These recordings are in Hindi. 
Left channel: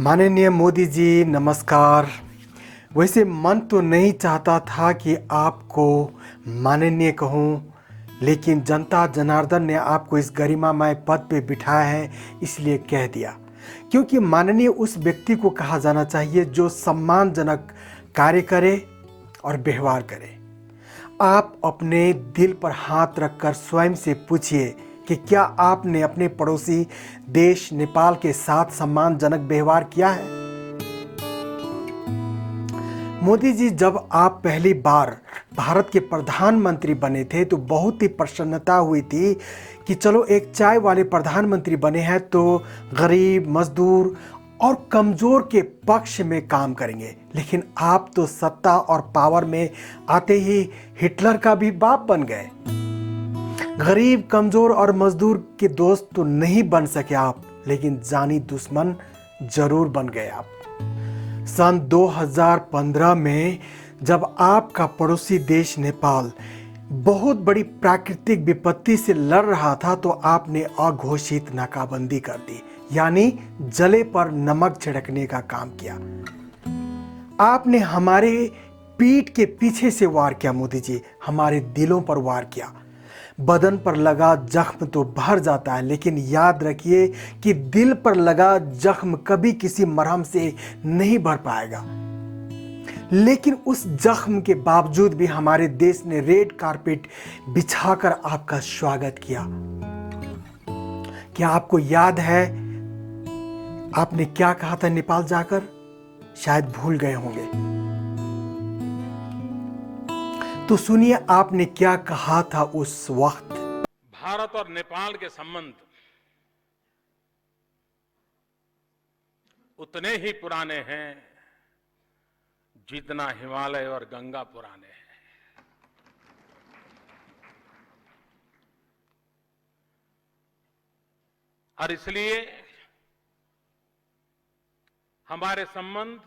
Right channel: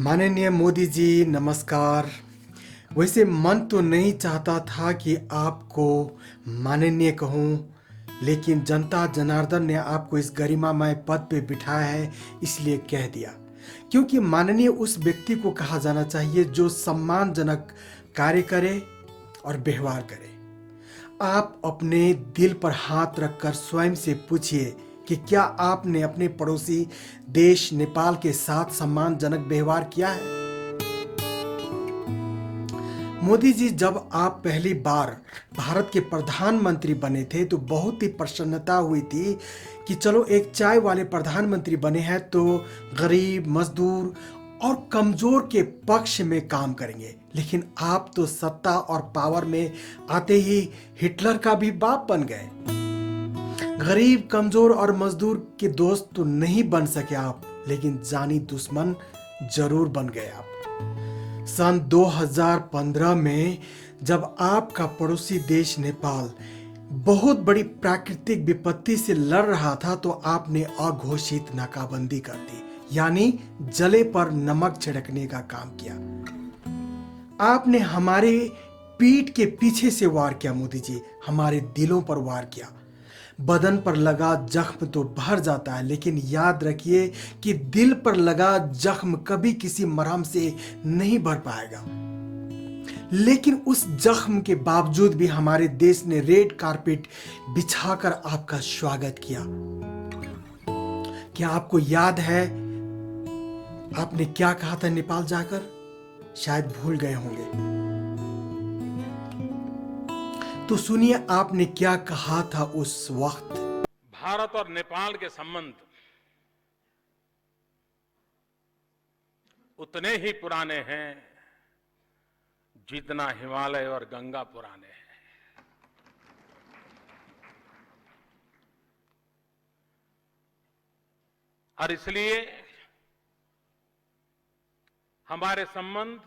माननीय मोदी जी नमस्कार। वैसे मन तो नहीं चाहता था कि आपको माननीय कहूँ, लेकिन जनता जनार्दन ने आपको इस गरिमामय पद पे बिठाया है, इसलिए कह दिया। क्योंकि माननीय उस व्यक्ति को कहा जाना चाहिए जो सम्मानजनक कार्य करे और व्यवहार करे। आप अपने दिल पर हाथ रखकर स्वयं से पूछिए कि क्या आपने अपने पड़ोसी देश नेपाल के साथ सम्मानजनक व्यवहार किया है। मोदी जी, जब आप पहली बार भारत के प्रधानमंत्री बने थे तो बहुत ही प्रसन्नता हुई थी कि चलो एक चाय वाले प्रधानमंत्री बने हैं तो गरीब, मजदूर और कमजोर के पक्ष में काम करेंगे। लेकिन आप तो सत्ता और पावर में आते ही हिटलर का भी बाप बन गए। गरीब, कमजोर और मजदूर के दोस्त तो नहीं बन सके आप, लेकिन जानी दुश्मन जरूर बन गए आप। सन 2015 में जब आपका पड़ोसी देश नेपाल बहुत बड़ी प्राकृतिक विपत्ति से लड़ रहा था तो आपने अघोषित नाकाबंदी कर दी, यानी जले पर नमक छिड़कने का काम किया। आपने हमारे पीठ के पीछे से वार किया मोदी जी, हमारे दिलों पर वार किया। बदन पर लगा जख्म तो भर जाता है, लेकिन याद रखिए कि दिल पर लगा जख्म कभी किसी मरहम से नहीं भर पाएगा। लेकिन उस जख्म के बावजूद भी हमारे देश ने रेड कारपेट बिछाकर आपका स्वागत किया। क्या आपको याद है आपने क्या कहा था नेपाल जाकर? शायद भूल गए होंगे। तो सुनिए आपने क्या कहा था उस वक्त। भारत और नेपाल के संबंध उतने ही पुराने हैं जितना हिमालय और गंगा पुराने हैं। और इसलिए हमारे संबंध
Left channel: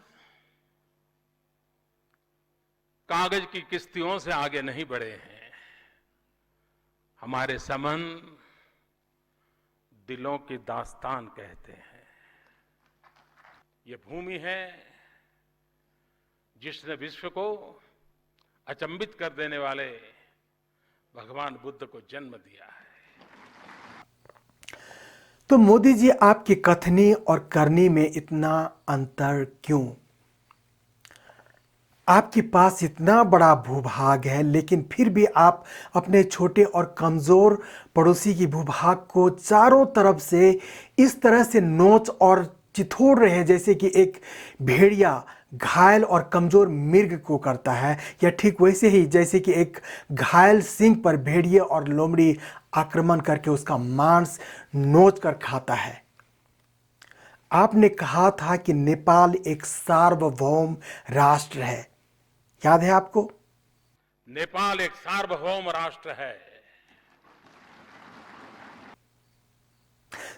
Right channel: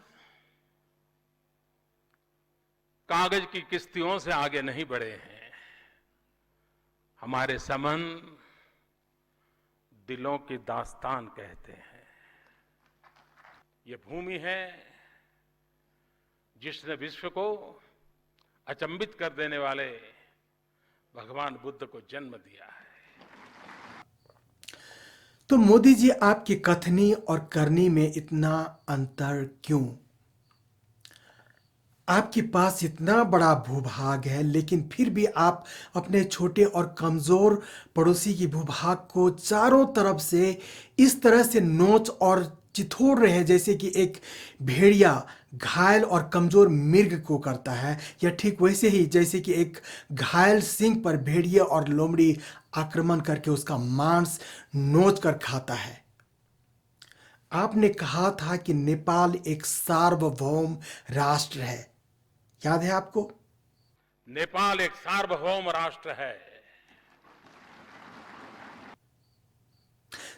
कागज की किश्तियों से आगे नहीं बढ़े हैं। हमारे संबंध दिलों की दास्तान कहते हैं। ये भूमि है जिसने विश्व को अचंभित कर देने वाले भगवान बुद्ध को जन्म दिया है। तो मोदी जी, आपकी कथनी और करनी में इतना अंतर क्यों? आपके पास इतना बड़ा भूभाग है, लेकिन फिर भी आप अपने छोटे और कमजोर पड़ोसी की भूभाग को चारों तरफ से इस तरह से नोच और चिथोड़ रहे हैं जैसे कि एक भेड़िया घायल और कमजोर मिर्ग को करता है, या ठीक वैसे ही जैसे कि एक घायल सिंह पर भेड़िए और लोमड़ी आक्रमण करके उसका मांस नोच कर खाता है। आपने कहा था कि नेपाल एक सार्वभौम राष्ट्र है, याद है आपको? नेपाल एक सार्वभौम राष्ट्र है।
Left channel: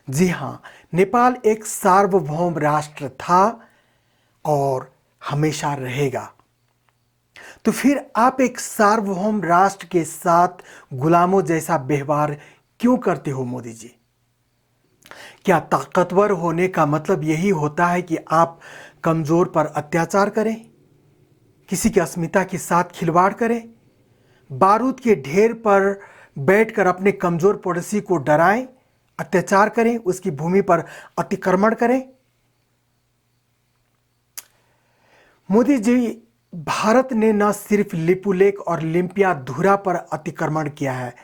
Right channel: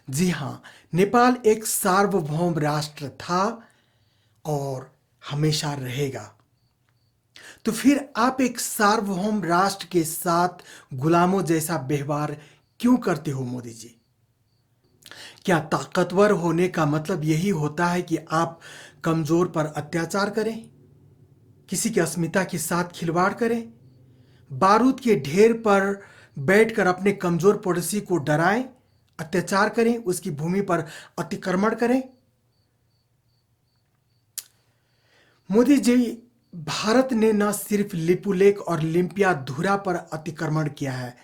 जी हां, नेपाल एक सार्वभौम राष्ट्र था और हमेशा रहेगा। तो फिर आप एक सार्वभौम राष्ट्र के साथ गुलामों जैसा व्यवहार क्यों करते हो मोदी जी? क्या ताकतवर होने का मतलब यही होता है कि आप कमजोर पर अत्याचार करें, किसी की अस्मिता के साथ खिलवाड़ करें, बारूद के ढेर पर बैठकर अपने कमजोर पड़ोसी को डराएं, अत्याचार करें, उसकी भूमि पर अतिक्रमण करें? मोदी जी, भारत ने न सिर्फ लिपुलेख और लिम्पियाधुरा पर अतिक्रमण किया है,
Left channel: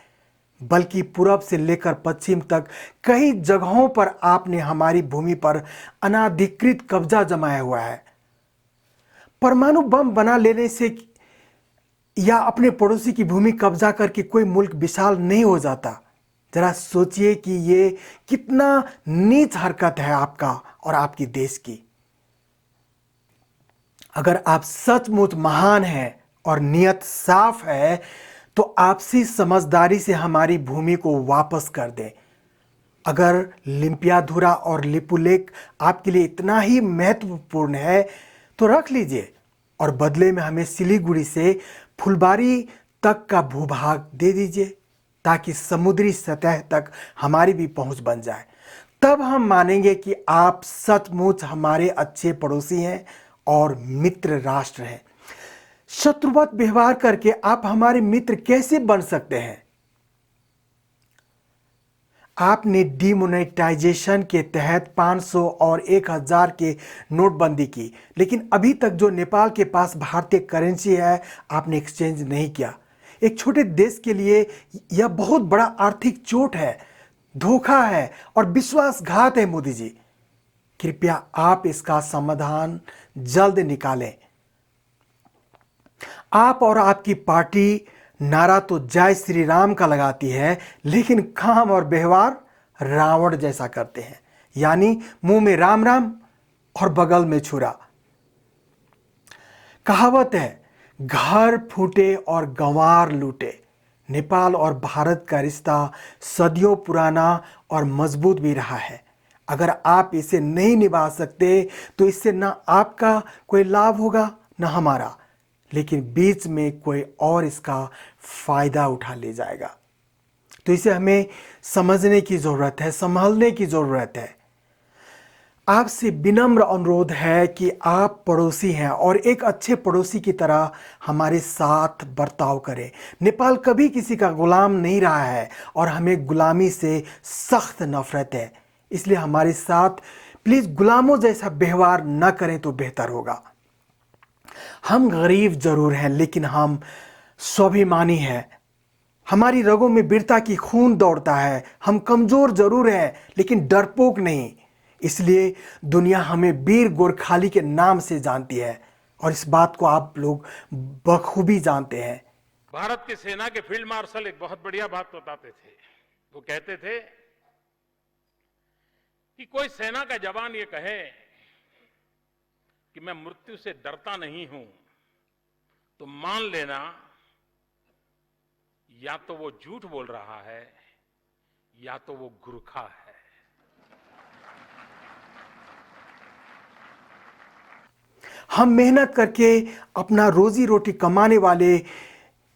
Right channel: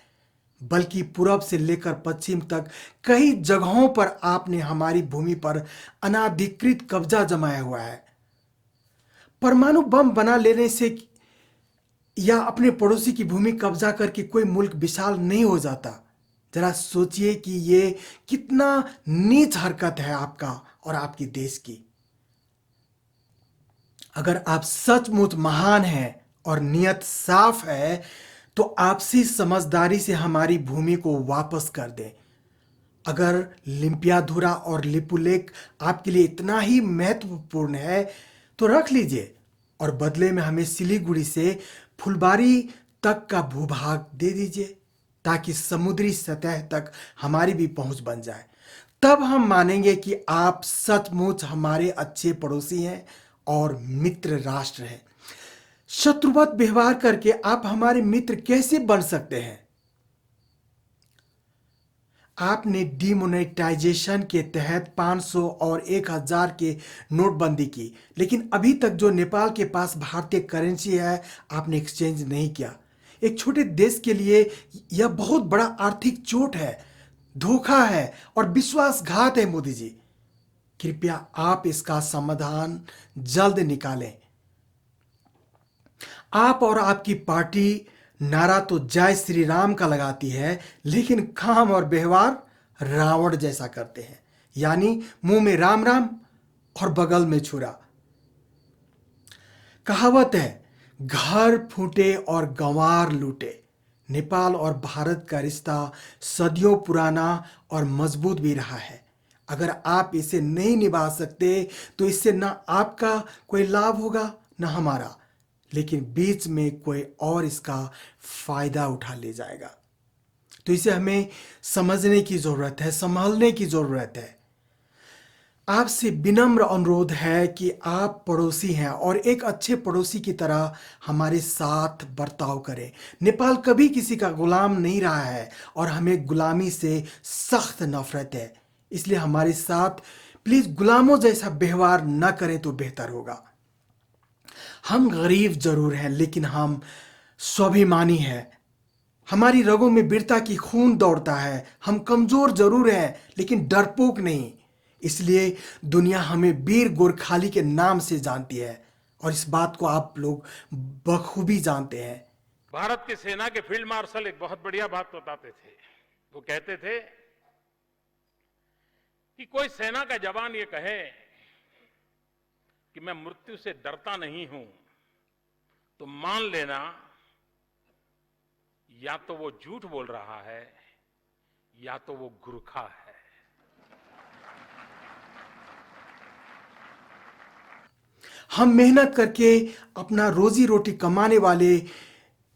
बल्कि पूरब से लेकर पश्चिम तक कई जगहों पर आपने हमारी भूमि पर अनाधिकृत कब्जा जमाया हुआ है। परमाणु बम बना लेने से या अपने पड़ोसी की भूमि कब्जा करके कोई मुल्क विशाल नहीं हो जाता। जरा सोचिए कि ये कितना नीच हरकत है आपका और आपकी देश की। अगर आप सचमुच महान हैं और नियत साफ है तो आपसी समझदारी से हमारी भूमि को वापस कर दें। अगर लिम्पियाधुरा और लिपुलेख आपके लिए इतना ही महत्वपूर्ण है तो रख लीजिए और बदले में हमें सिलीगुड़ी से फुलबारी तक का भूभाग दे दीजिए ताकि समुद्री सतह तक हमारी भी पहुंच बन जाए। तब हम मानेंगे कि आप सचमुच हमारे अच्छे पड़ोसी हैं और मित्र राष्ट्र हैं। शत्रुवत व्यवहार करके आप हमारे मित्र कैसे बन सकते हैं? आपने डिमोनेटाइजेशन के तहत 500 और 1000 के नोटबंदी की, लेकिन अभी तक जो नेपाल के पास भारतीय करेंसी है आपने एक्सचेंज नहीं किया। एक छोटे देश के लिए यह बहुत बड़ा आर्थिक चोट है, धोखा है और विश्वासघात है। मोदी जी, कृपया आप इसका समाधान जल्द निकालें। आप और आपकी पार्टी नारा तो जय श्री राम का लगाती है, लेकिन काम और व्यवहार रावण जैसा करते हैं, यानी मुंह में राम राम और बगल में छुरा। कहावत है, घर फूटे और गंवार लूटे। नेपाल और भारत का रिश्ता सदियों पुराना और मजबूत भी रहा है। अगर आप इसे नहीं निभा सकते तो इससे ना आपका कोई लाभ होगा ना हमारा, लेकिन बीच में कोई और इसका फायदा उठा ले जाएगा। तो इसे हमें समझने की जरूरत है, संभालने की जरूरत है। आपसे विनम्र अनुरोध है कि आप पड़ोसी हैं और एक अच्छे पड़ोसी की तरह हमारे साथ बर्ताव करें। नेपाल कभी किसी का गुलाम नहीं रहा है और हमें गुलामी से सख्त नफरत है, इसलिए हमारे साथ प्लीज गुलामों जैसा व्यवहार न करें तो बेहतर होगा। हम गरीब जरूर हैं, लेकिन हम स्वाभिमानी हैं। हमारी रगों में वीरता की खून दौड़ता है। हम कमजोर जरूर हैं, लेकिन डरपोक नहीं। इसलिए दुनिया हमें वीर गोरखाली के नाम से जानती है और इस बात को आप लोग बखूबी जानते हैं। भारत की सेना के फील्ड मार्शल एक बहुत बढ़िया बात बताते थे। वो कहते थे कि कोई सेना का जवान ये कहे कि मैं मृत्यु से डरता नहीं हूं, तो मान लेना या तो वो झूठ बोल रहा है या तो वो गुरखा है। हम मेहनत करके अपना रोजी रोटी कमाने वाले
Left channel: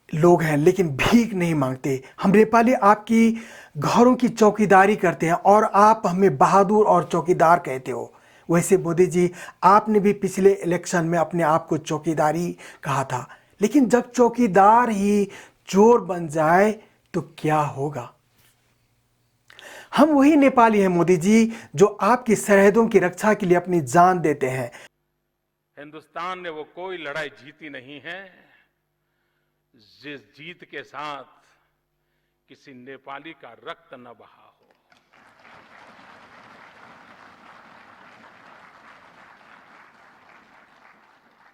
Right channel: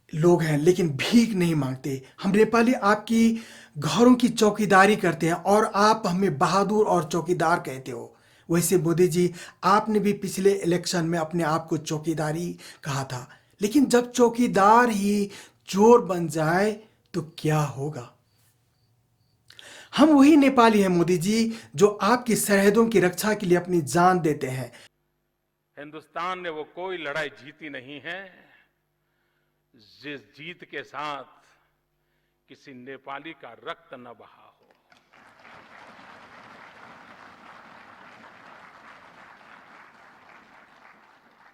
लोग हैं, लेकिन भीख नहीं मांगते। हम नेपाली आपकी घरों की चौकीदारी करते हैं और आप हमें बहादुर और चौकीदार कहते हो। वैसे मोदी जी, आपने भी पिछले इलेक्शन में अपने आप को चौकीदारी कहा था, लेकिन जब चौकीदार ही चोर बन जाए तो क्या होगा? हम वही नेपाली हैं मोदी जी, जो आपकी सरहदों की रक्षा के लिए अपनी जान देते हैं। हिंदुस्तान ने वो कोई लड़ाई जीती नहीं है जिस जीत के साथ किसी नेपाली का रक्त न बहा हो।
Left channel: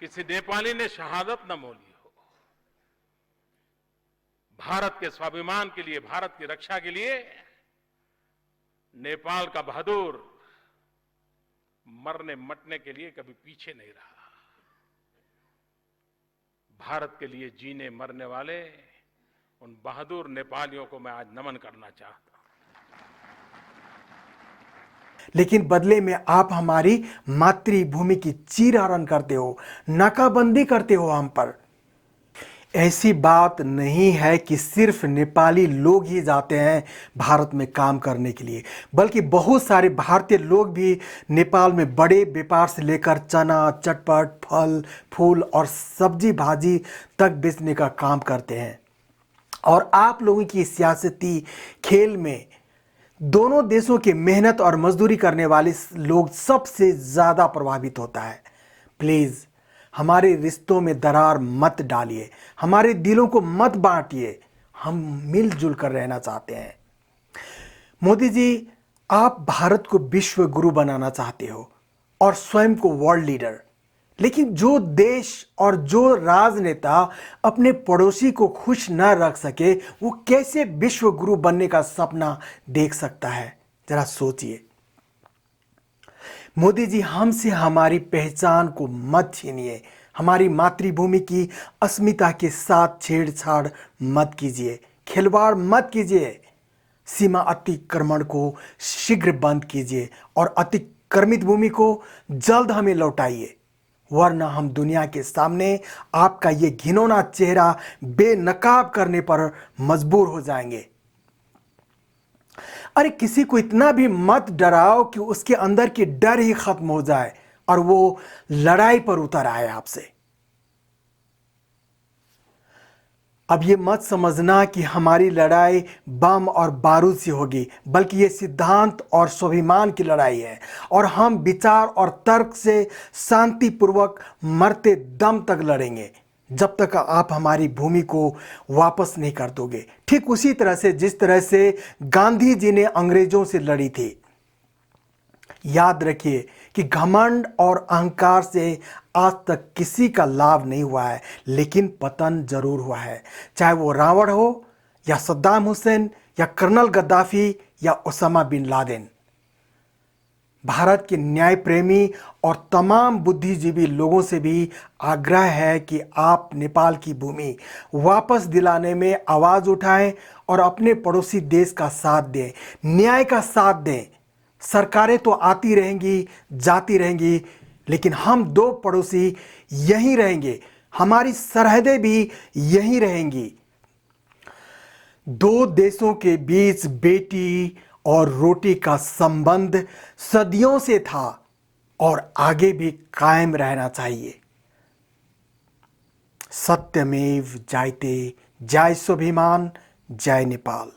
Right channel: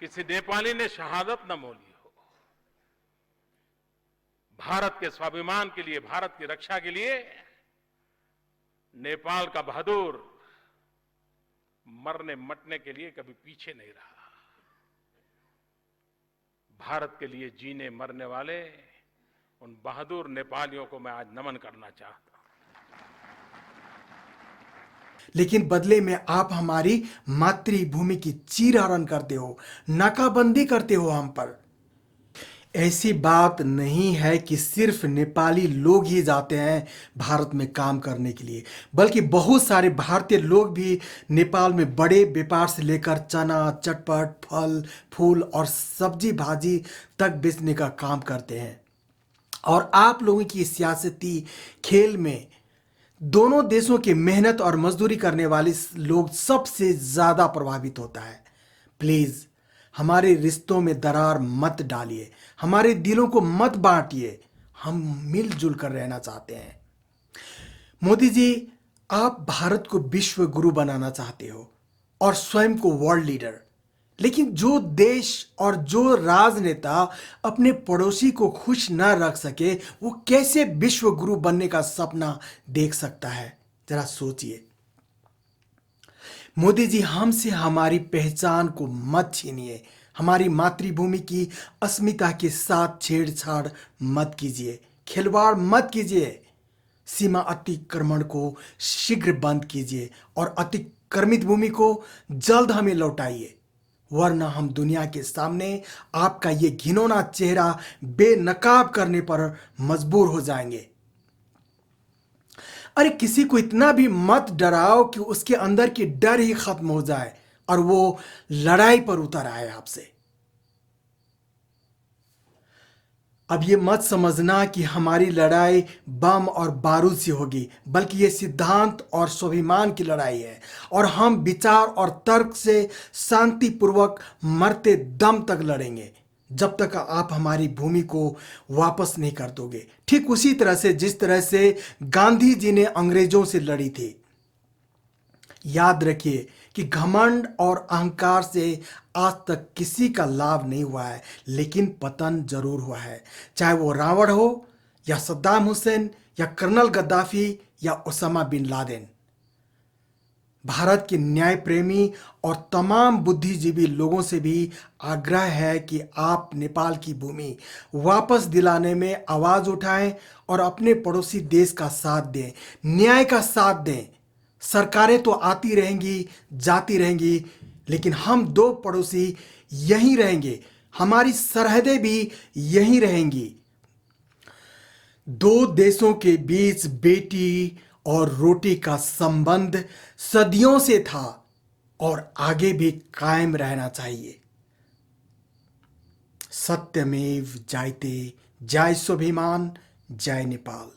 किसी नेपाली ने शहादत न मोली हो। भारत के स्वाभिमान के लिए, भारत की रक्षा के लिए नेपाल का बहादुर मरने मटने के लिए कभी पीछे नहीं रहा। भारत के लिए जीने मरने वाले उन बहादुर नेपालियों को मैं आज नमन करना चाहता हूं। लेकिन बदले में आप हमारी मातृभूमि की चीरहरण करते हो, नाकाबंदी करते हो हम पर। ऐसी बात नहीं है कि सिर्फ नेपाली लोग ही जाते हैं भारत में काम करने के लिए, बल्कि बहुत सारे भारतीय लोग भी नेपाल में बड़े व्यापार से लेकर चना, चटपट, फल फूल और सब्जी भाजी तक बेचने का काम करते हैं। और आप लोगों की सियासती खेल में दोनों देशों की मेहनत और मजदूरी करने वाले लोग सबसे ज्यादा प्रभावित होता है। प्लीज हमारे रिश्तों में दरार मत डालिए, हमारे दिलों को मत बांटिए। हम मिलजुल कर रहना चाहते हैं। मोदी जी, आप भारत को विश्व गुरु बनाना चाहते हो और स्वयं को वर्ल्ड लीडर, लेकिन जो देश और जो राजनेता अपने पड़ोसी को खुश न रख सके, वो कैसे विश्व गुरु बनने का सपना देख सकता है? जरा सोचिए। मोदी जी, हमसे हमारी पहचान को मत छीनिए। हमारी मातृभूमि की अस्मिता के साथ छेड़छाड़ मत कीजिए, खिलवाड़ मत कीजिए। सीमा अतिक्रमण को शीघ्र बंद कीजिए और अतिक्रमित भूमि को जल्द हमें लौटाइए, वरना हम दुनिया के सामने आपका ये घिनौना चेहरा बेनकाब करने पर मजबूर हो जाएंगे। अरे किसी को इतना भी मत डराओ कि उसके अंदर की डर ही खत्म हो जाए और वो लड़ाई पर उतर आए आपसे। अब ये मत समझना कि हमारी लड़ाई बम और बारूद से होगी, बल्कि ये सिद्धांत और स्वाभिमान की लड़ाई है और हम विचार और तर्क से शांतिपूर्वक मरते दम तक लड़ेंगे जब तक आप हमारी भूमि को वापस नहीं कर दोगे। ठीक उसी तरह से जिस तरह से गांधी जी ने अंग्रेजों से लड़ी थी। याद रखिए कि घमंड और अहंकार से आज तक किसी का लाभ नहीं हुआ है, लेकिन पतन जरूर हुआ है। चाहे वो रावण हो या सद्दाम हुसैन या कर्नल गद्दाफी या ओसामा बिन लादेन। भारत के न्याय प्रेमी और तमाम बुद्धिजीवी लोगों से भी आग्रह है कि आप नेपाल की भूमि वापस दिलाने में आवाज उठाएं और अपने पड़ोसी देश का साथ दें, न्याय का साथ दें। सरकारें तो आती रहेंगी, जाती रहेंगी, लेकिन हम दो पड़ोसी यहीं रहेंगे, हमारी सरहदें भी यहीं रहेंगी। दो देशों के बीच बेटी और रोटी का संबंध सदियों से था और आगे भी कायम रहना चाहिए। सत्यमेव जयते। जय स्वाभिमान, जय नेपाल।